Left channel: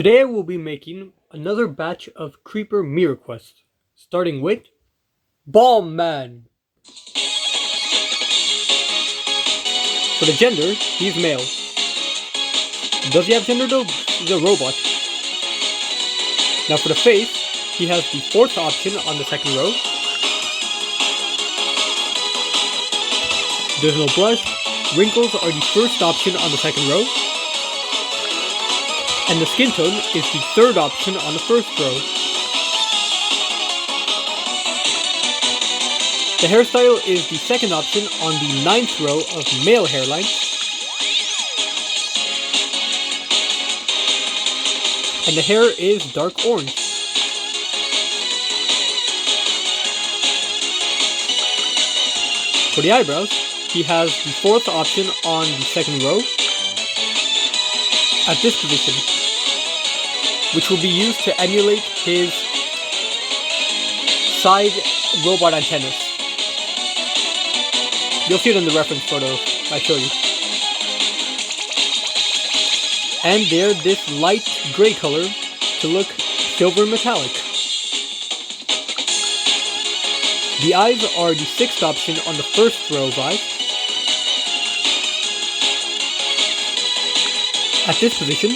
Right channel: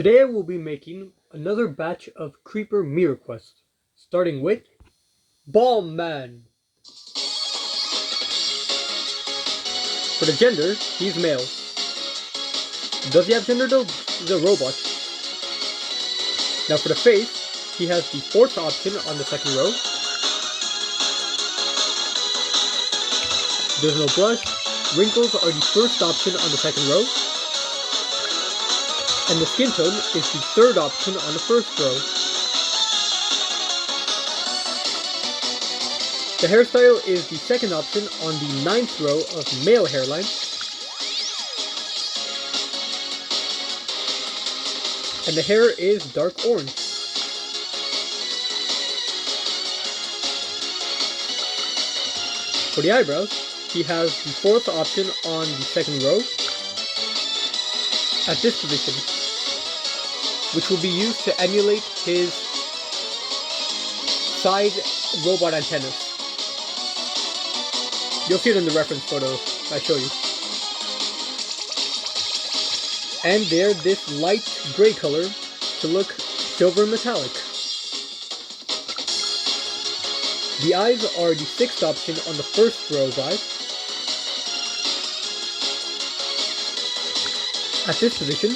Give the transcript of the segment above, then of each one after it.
Today I will be making another batch of Creeper Mii Requests, starting with Bomb Man. For the gender, he's male. Does he have gender though? He's a robot. Now for the face, he has the fourth option on the second row. There's no blush. Wrinkles are the first option on the second row. And the skin tone is the third option on the first row. The hairstyle is the second option on the ninth row of male hairline. And the hair is dark orange. For the eyebrows, he has the fourth option on the second row at this position, which will be used to emulate his side robot antennas. You'll see it in the reference photo I show you. And they're this light gray color to look silver metallic. The eyes are the sixth option on the first row of eyes. At this position,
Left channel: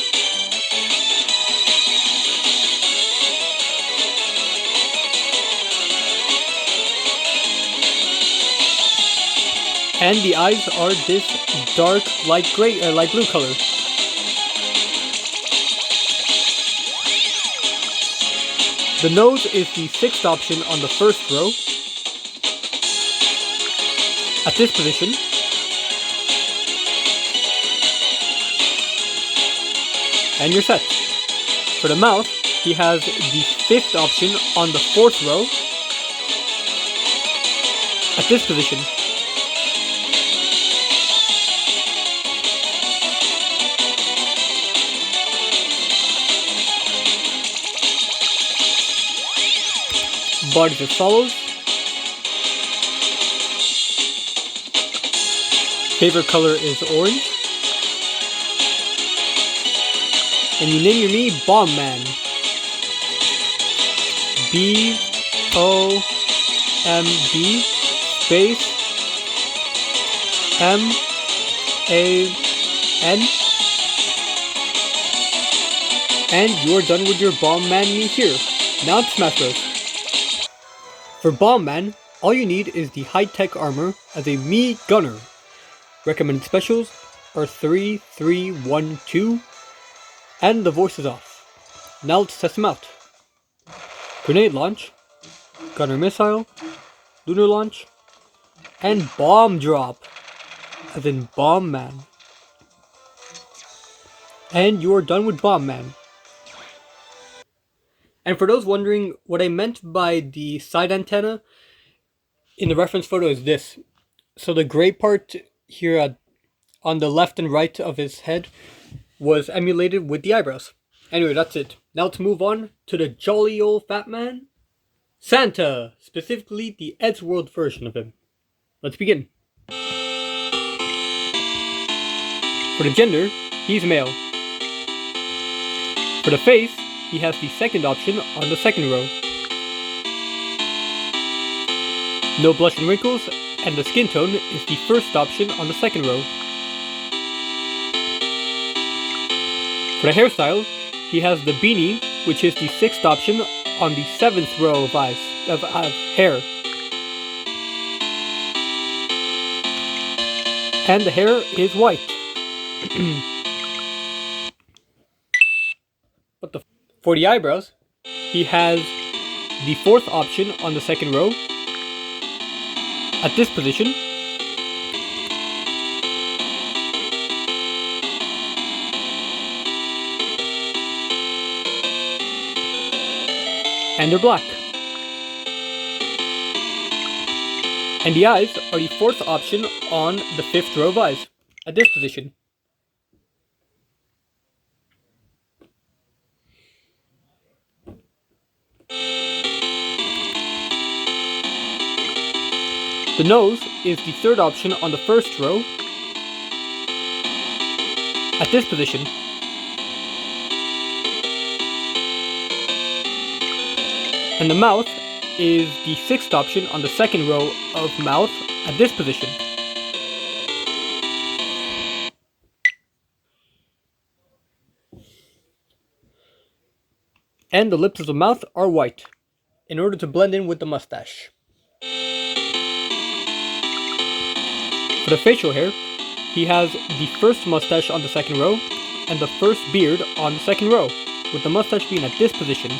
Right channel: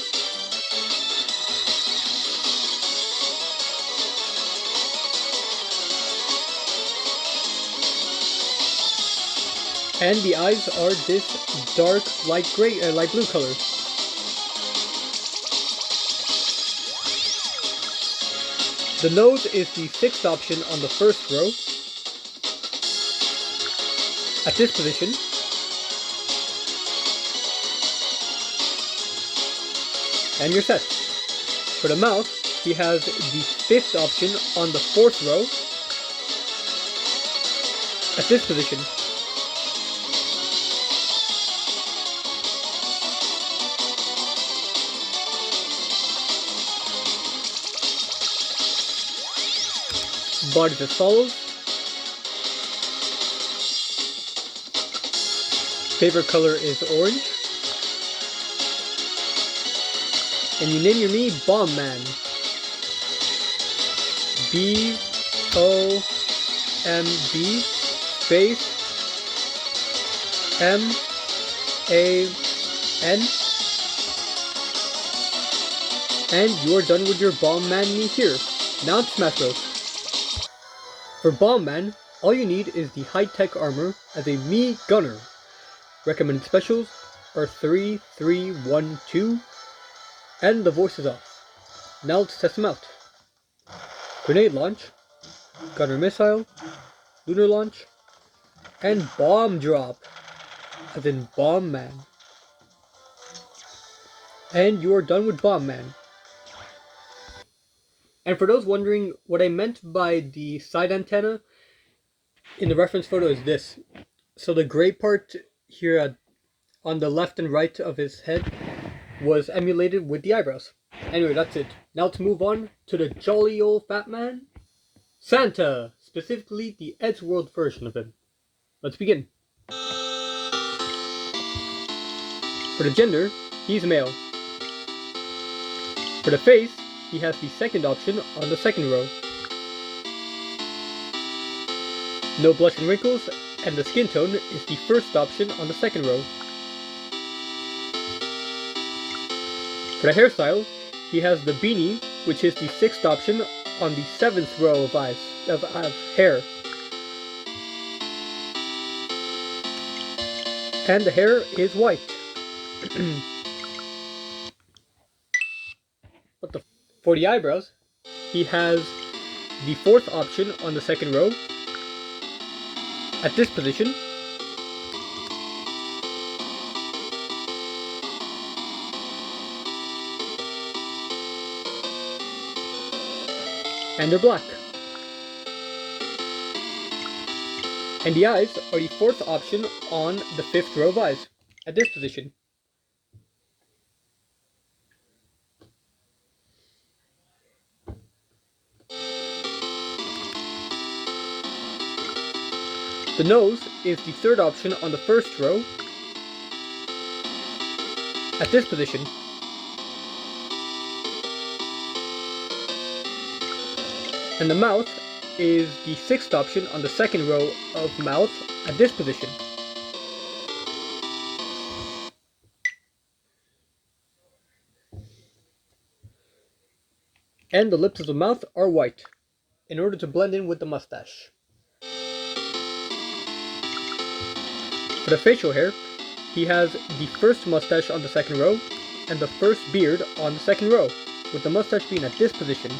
and the eyes are this dark light blue color. The nose is the sixth option on the first row. At this position, and you're set. For the mouth, he has the fifth option on the fourth row. At this position. Body as follows. Favorite color is orange. And you name your Mii Bomb Man. B-O-M-B space M-A-N. And you're done with your Bomb Man Mii here. Now it's Smash Bros. For Bomb Man, all you need is the high-tech armor as a Mii Gunner. Recommended specials are 3, 3, 1, 2, and the voice is off. Now let's test them out. Grenade launch, Gunner missile, lunar launch, and bomb drop, as in Bomb Man. And you're done with Bomb Man. And for those wondering, what I meant by the side antenna in the reference photo is this. So the gray part here on the left and right of his head was emulated with the eyebrows. Anyway, that's it. Now let's move on to the jolly old fat man, Santa, specifically the Eddsworld version of him. Let's begin. For the gender, he's male. For the face, he has the second option on the second row. No blush and wrinkles, and the skin tone is the first option on the second row. For the hairstyle, he has the beanie, which is the sixth option on the seventh row of hair. And the hair is white. For the eyebrows, he has the fourth option on the second row. At this position. And they're black. And the eyes are the fourth option on the fifth row of eyes. At this position. The nose is the third option on the first row. At this position. And the mouth is the 6th option on the 2nd row of mouth at this position. And the lips of the mouth are white, in order to blend in with the mustache. For the facial hair, he has the 1st mustache on the 2nd row, and the 1st beard on the 2nd row, with the mustache being at this position.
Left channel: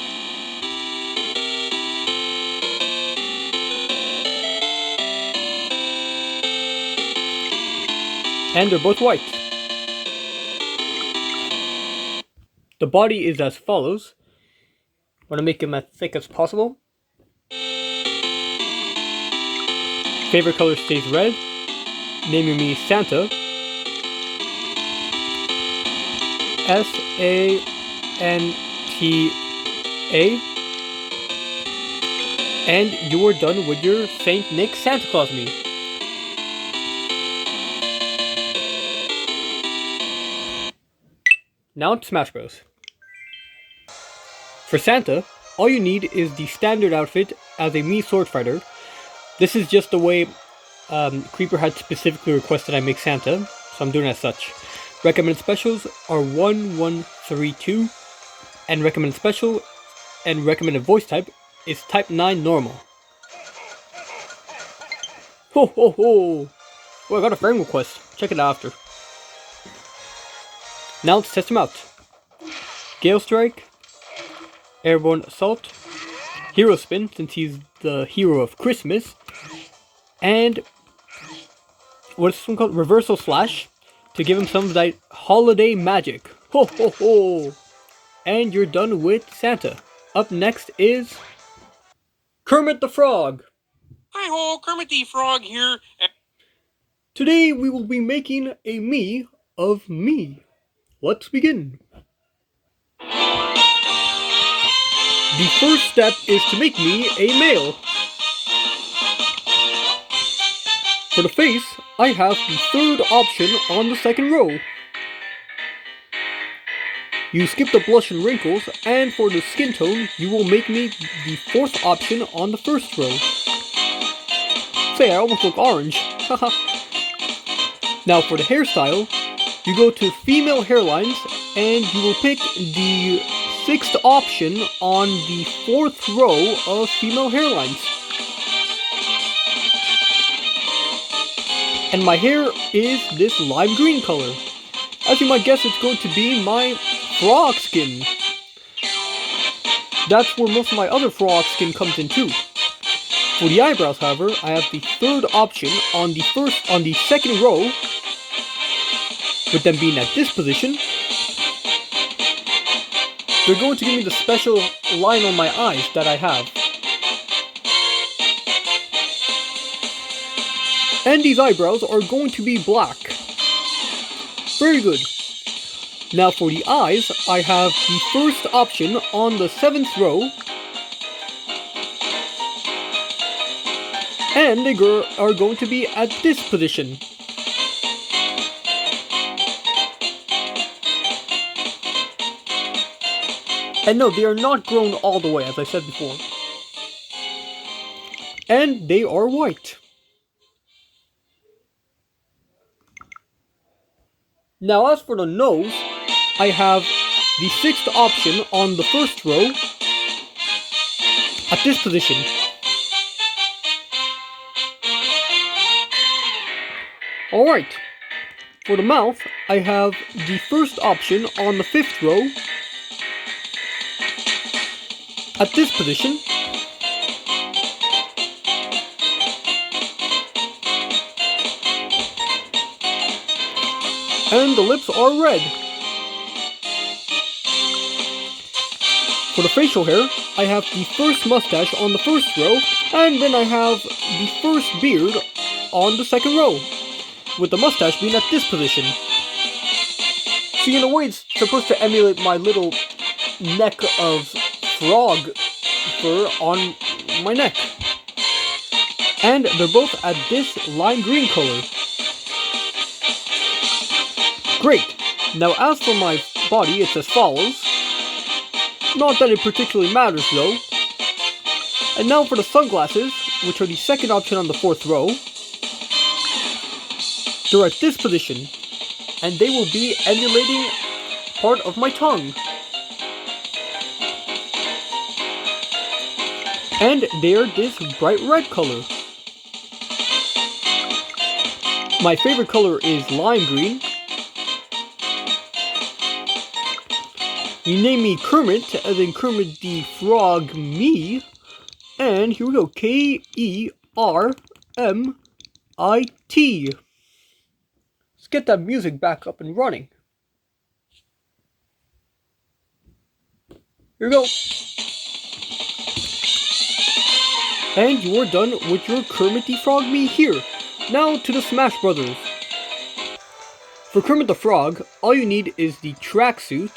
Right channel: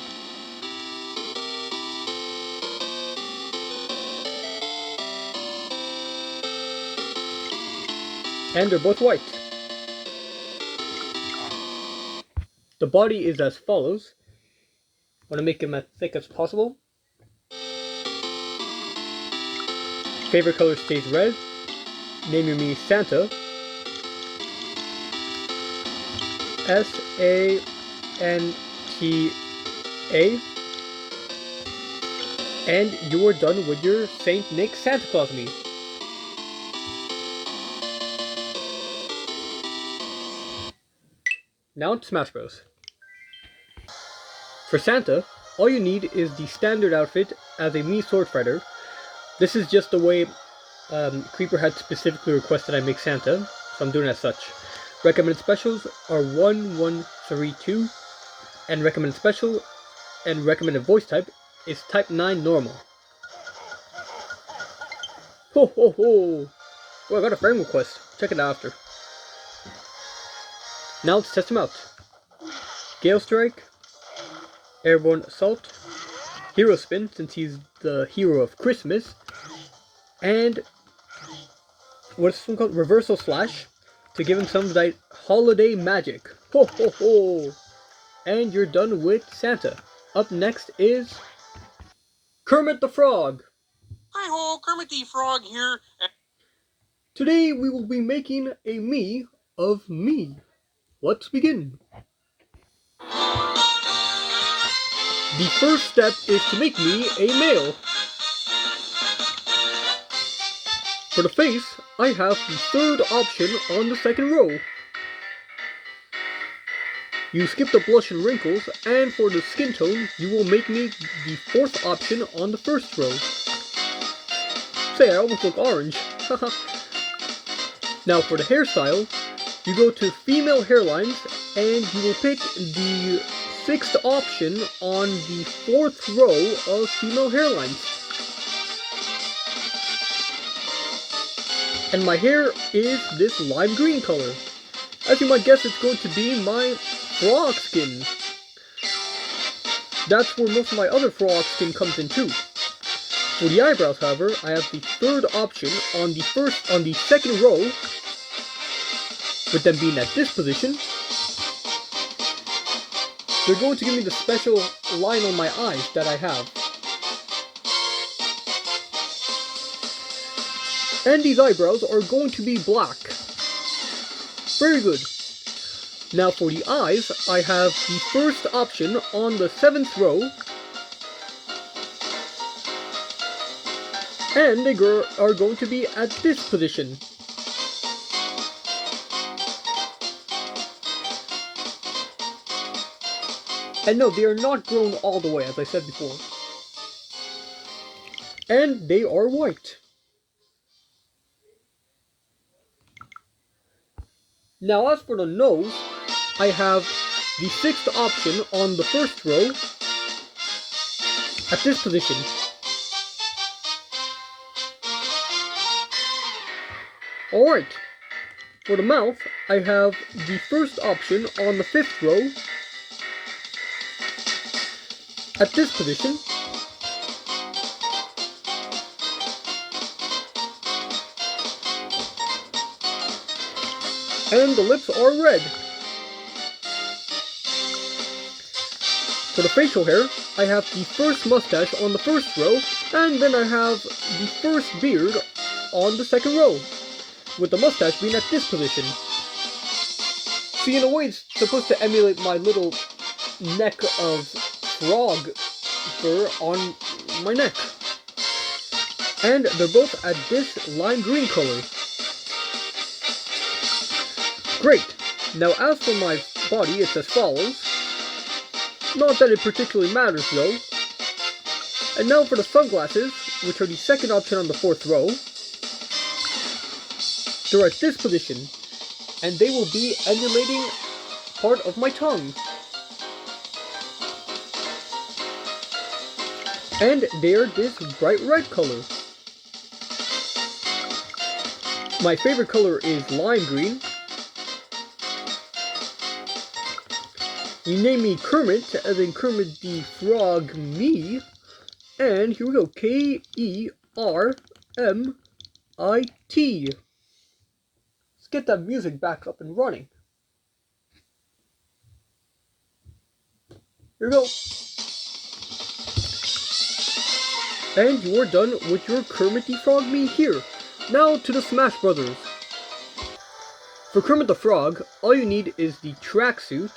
And they're both white. The body is as follows. I want to make him as thick as possible. Favorite color stays red. Naming me Santa. S-A-N-T-A. And you're done with your Saint Nick Santa Claus Mii. Now to Smash Bros. For Santa, all you need is the standard outfit as a Mii sword fighter. This is just the way Creeper had specifically requested I make Santa, so I'm doing it as such. Recommended specials are 1, 1, 3, 2, and recommended special and recommended voice type is type 9 normal. Ho ho ho! Oh, I got a friend request. Check it out after. Now let's test him out. Gale Strike, Airborne Assault, Hero Spin, since he's the hero of Christmas, and what's this one called? Reversal Slash, to give him some of that holiday magic. Ho ho ho! And you're done with Santa. Up next is Kermit the Frog. Hi ho, Kermit the Frog here. Today we will be making a Mii of me. Let's begin. The first step is to make me a male. For the face, I have the 3rd option on the 2nd row. You skip the blush and wrinkles, and for the skin tone, you will make me the 4th option on the 1st row. Say, I almost look orange. Haha. Now for the hairstyle, you go to female hairlines, and you will pick the 6th option on the 4th row of female hairlines. And my hair is this lime green color. As you might guess, it's going to be my frog skin. That's where most of my other frog skin comes in too. For the eyebrows, however, I have the 3rd option on the 2nd row, with them being at this position. They're going to give me the special line on my eyes that I have. And these eyebrows are going to be black. Very good. Now for the eyes, I have the 1st option on the 7th row. And they are going to be at this position. And no, they are not grown all the way, as I said before. And they are white. Now as for the nose, I have the 6th option on the 1st row at this position. Alright, for the mouth, I have the 1st option on the 5th row at this position. And the lips are red. For the facial hair, I have the 1st mustache on the 1st row, and then I have the 1st beard on the 2nd row, with the mustache being at this position. See, in a way, it's supposed to emulate my little neck of frog fur on my neck. And they're both at this lime green color. Great! Now as for my body, it's as follows. Not that it particularly matters though. And now for the sunglasses, which are the second option on the fourth row. They're at this position, and they will be emulating part of my tongue. And they are this bright red color. My favorite color is lime green. You name me Kermit, as in Kermit the Frog Mii. And here we go, Kermit. Let's get that music back up and running. Here we go. And you're done with your Kermit the Frog Mii here. Now to the Smash Brothers. For Kermit the Frog, all you need is the tracksuit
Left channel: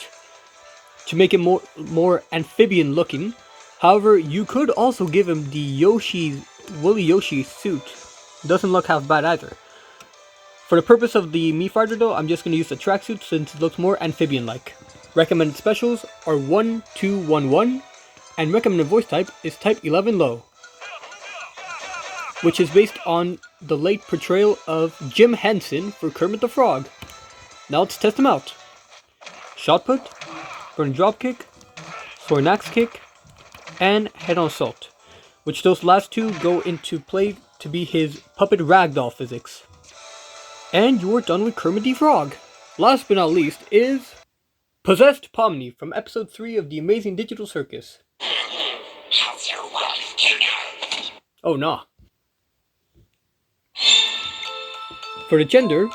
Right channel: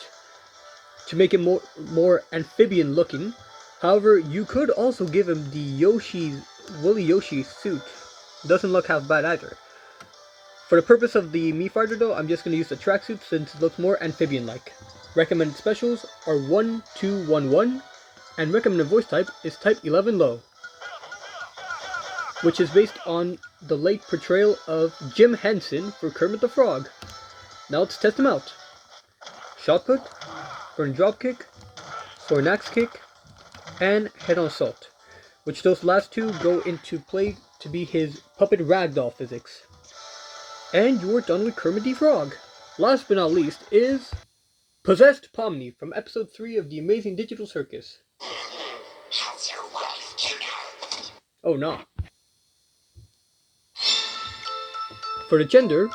to make it more amphibian looking. However, you could also give him the Woolly Yoshi suit. Doesn't look half bad either. For the purpose of the Mii Fighter though, I'm just going to use the tracksuit since it looks more amphibian-like. Recommended specials are 1, 2, 1, 1, and recommended voice type is type 11 low, which is based on the late portrayal of Jim Henson for Kermit the Frog. Now let's test him out. Shot put, burn drop kick, soaring axe kick, and head on assault, which those last two go into play to be his puppet ragdoll physics. And you're done with Kermit the Frog. Last but not least is Possessed Pomni from episode 3 of the Amazing Digital Circus. How's your wife, King? Oh nah. For the gender,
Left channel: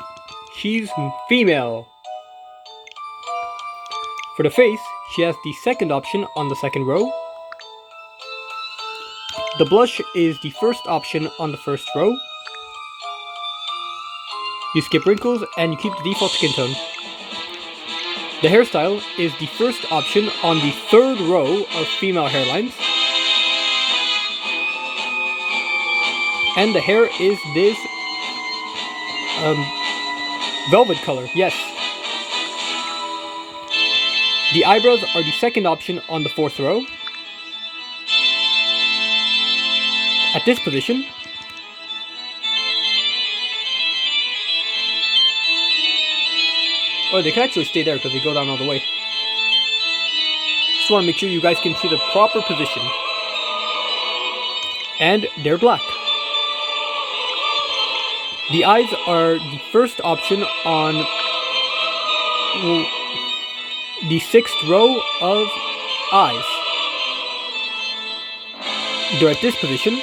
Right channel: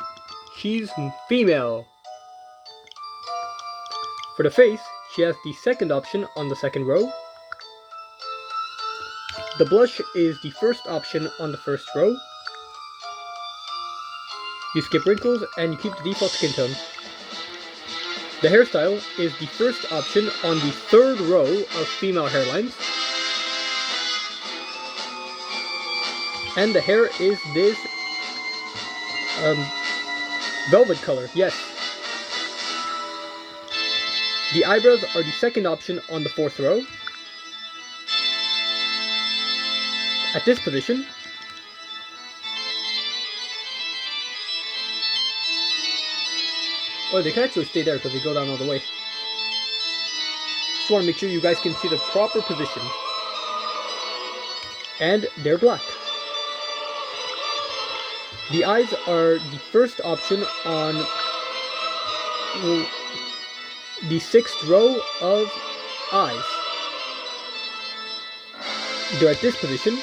she's female. For the face, she has the second option on the second row. The blush is the first option on the first row. You skip wrinkles and you keep the default skin tone. The hairstyle is the first option on the third row of female hairlines. And the hair is this velvet color, yes. The eyebrows are the second option on the fourth row. At this position. Or they can actually stay there because they go down all the way. Just want to make sure you guys can see the proper position. And they're black. The eyes are the first option on the sixth row of eyes. They're at this position.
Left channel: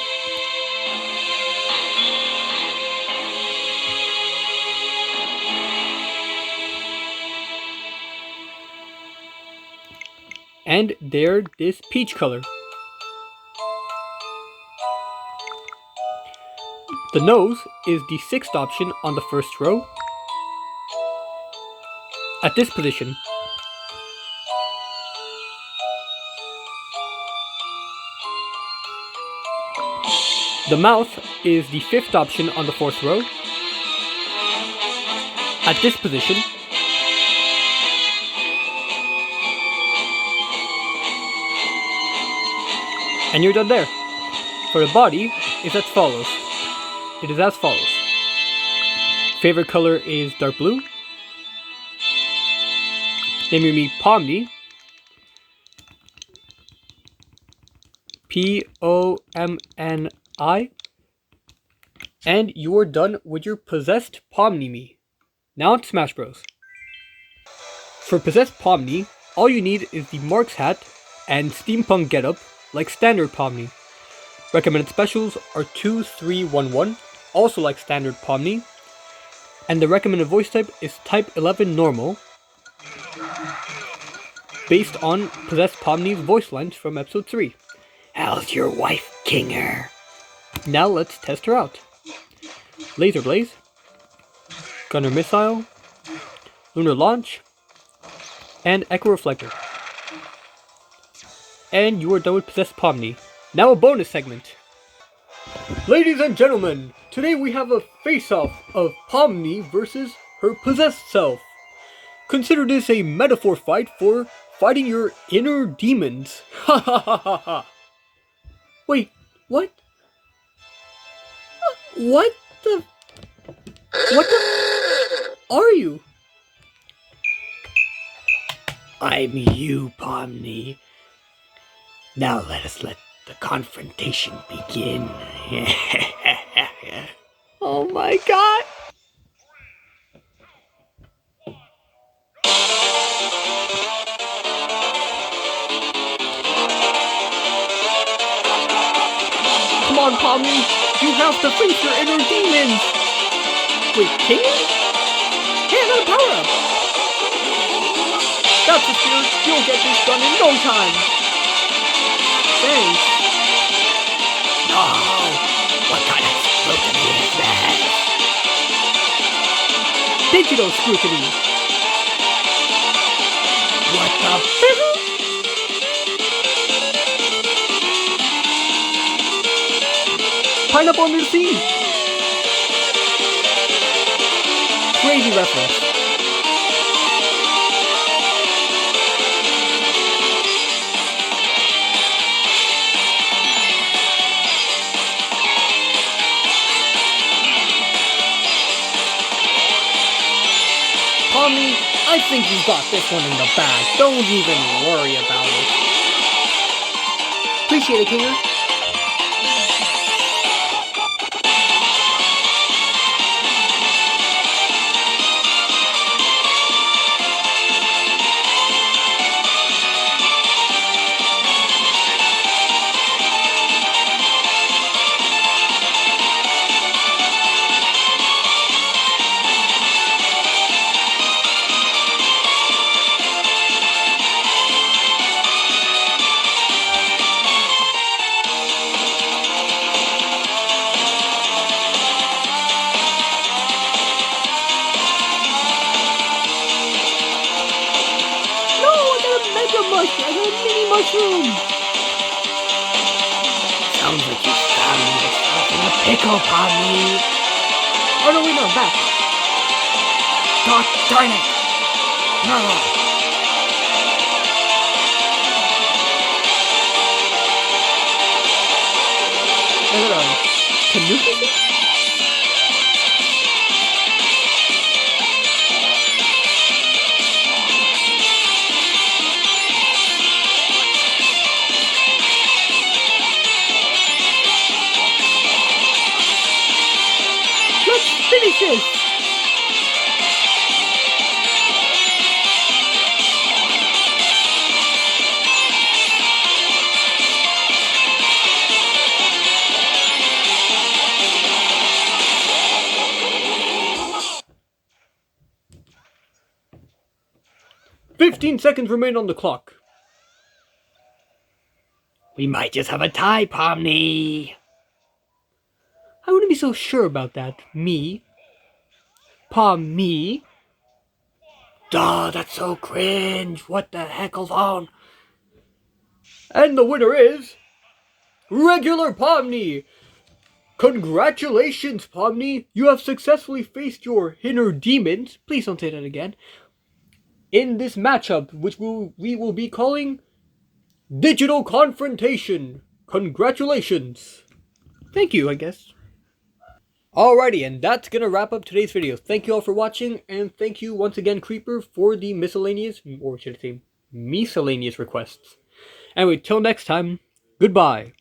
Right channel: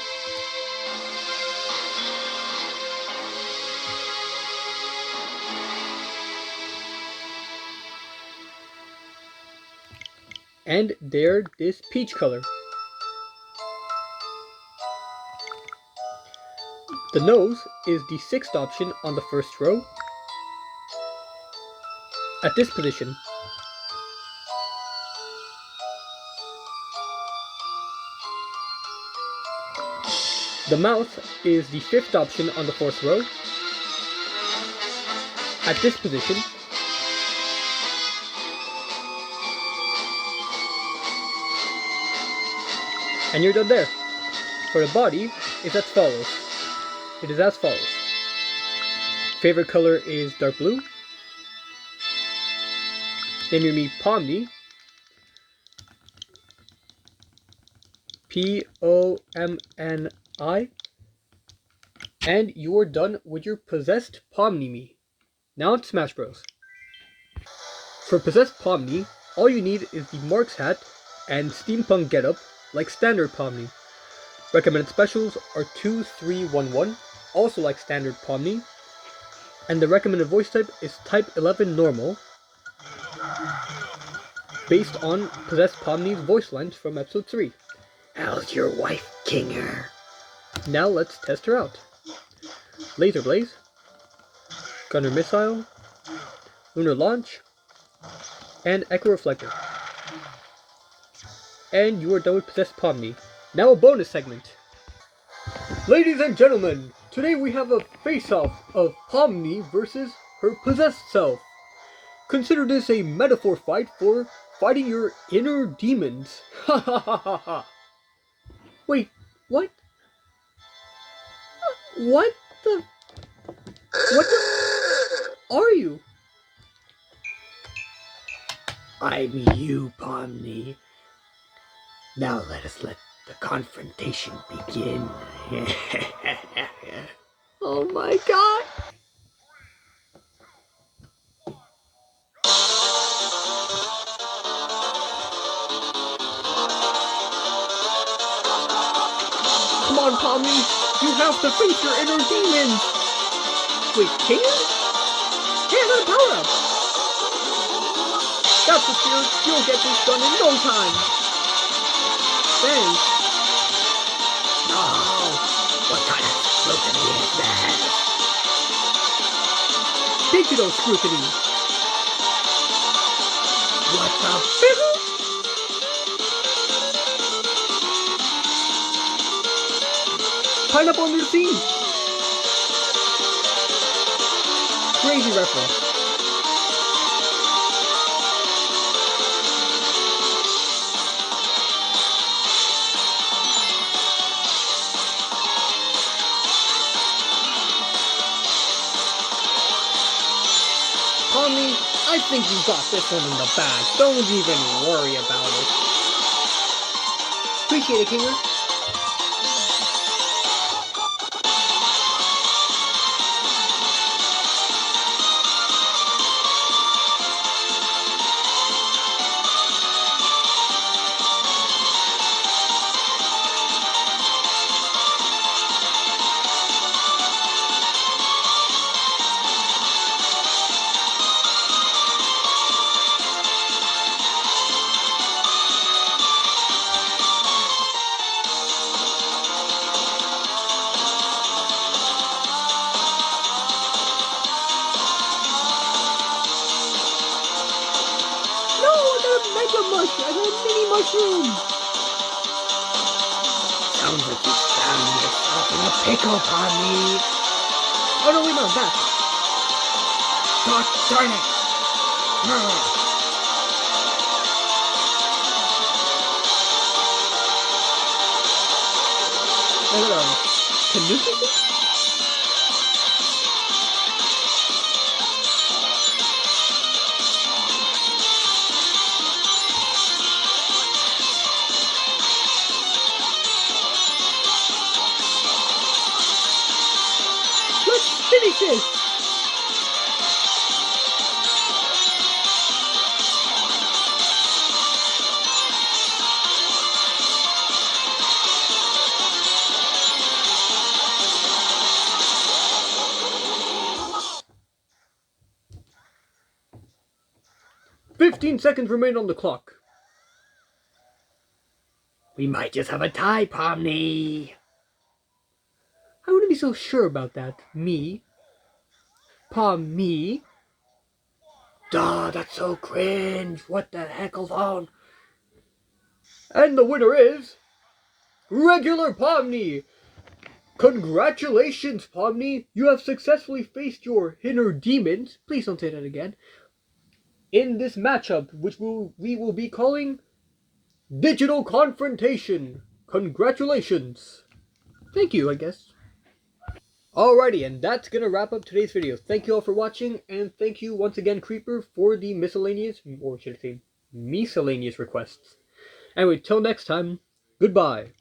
And they're this peach color. The nose is the sixth option on the first row. At this position. The mouth is the fifth option on the fourth row. At this position. And you're done there. For the body, is as follows. It is as follows. Favorite color is dark blue. Name me Pomni. Pomni. And you're done with your Possessed Pomni Mii. Now it's Smash Bros. For Possessed Pomni, all you need is the Mark's hat and steampunk getup like standard Pomni. Recommended specials are 2, 3, 1, 1, also like standard Pomni. And the recommended voice type is type 11 normal, based on Possessed Pomni's voice lines from episode 3. How's your wife, Kinger? Now let's test her out. Laser Blaze, Gunner Missile, Lunar Launch, and Echo Reflector. And you are done with Possessed Pomni. Now a bonus segment. Ladies and gentlemen, today we have a face-off of Pomni versus her possessed self. Consider this a metaphor fight for fighting your inner demons. Ha ha ha ha ha. Wait, what? What the? What the? Are you? I'm you, Pomni. Now let the confrontation begin. Oh my god! Come on, Pomni! You have to face your inner demons! Wait, King? Hey, I got a power-up! That's the spirit! You'll get this done in no time! Thanks! No! What kind of scrutiny is this? Digital scrutiny! What the Pineapple under the sea! Crazy reference. Pomni, I think you've got this one in the bag. Don't even worry about it. Appreciate it, Kinger. Mega Mush! I got a mini mushroom! Sounds like you found yourself in a pickle, Pomni. Oh no, wait, no, I'm back. God darn it! I got a tanuki thing? Finish this! "15 seconds remain on the clock." We might just have a tie, Pomni. I wouldn't be so sure about that. Me? Me? Duh, that's so cringe. What the heckle's on? And the winner is... Regular Pomni! Congratulations, Pomni! You have successfully faced your inner demons, please don't say that again, in this matchup, which we will be calling Digital Confrontation. Congratulations! Thank you, I guess. Alrighty, and that's gonna wrap up today's video. Thank you all for watching, and thank you once again, Creeper, for the miscellaneous, or should I say, miscellaneous requests. Anyway, till next time, goodbye.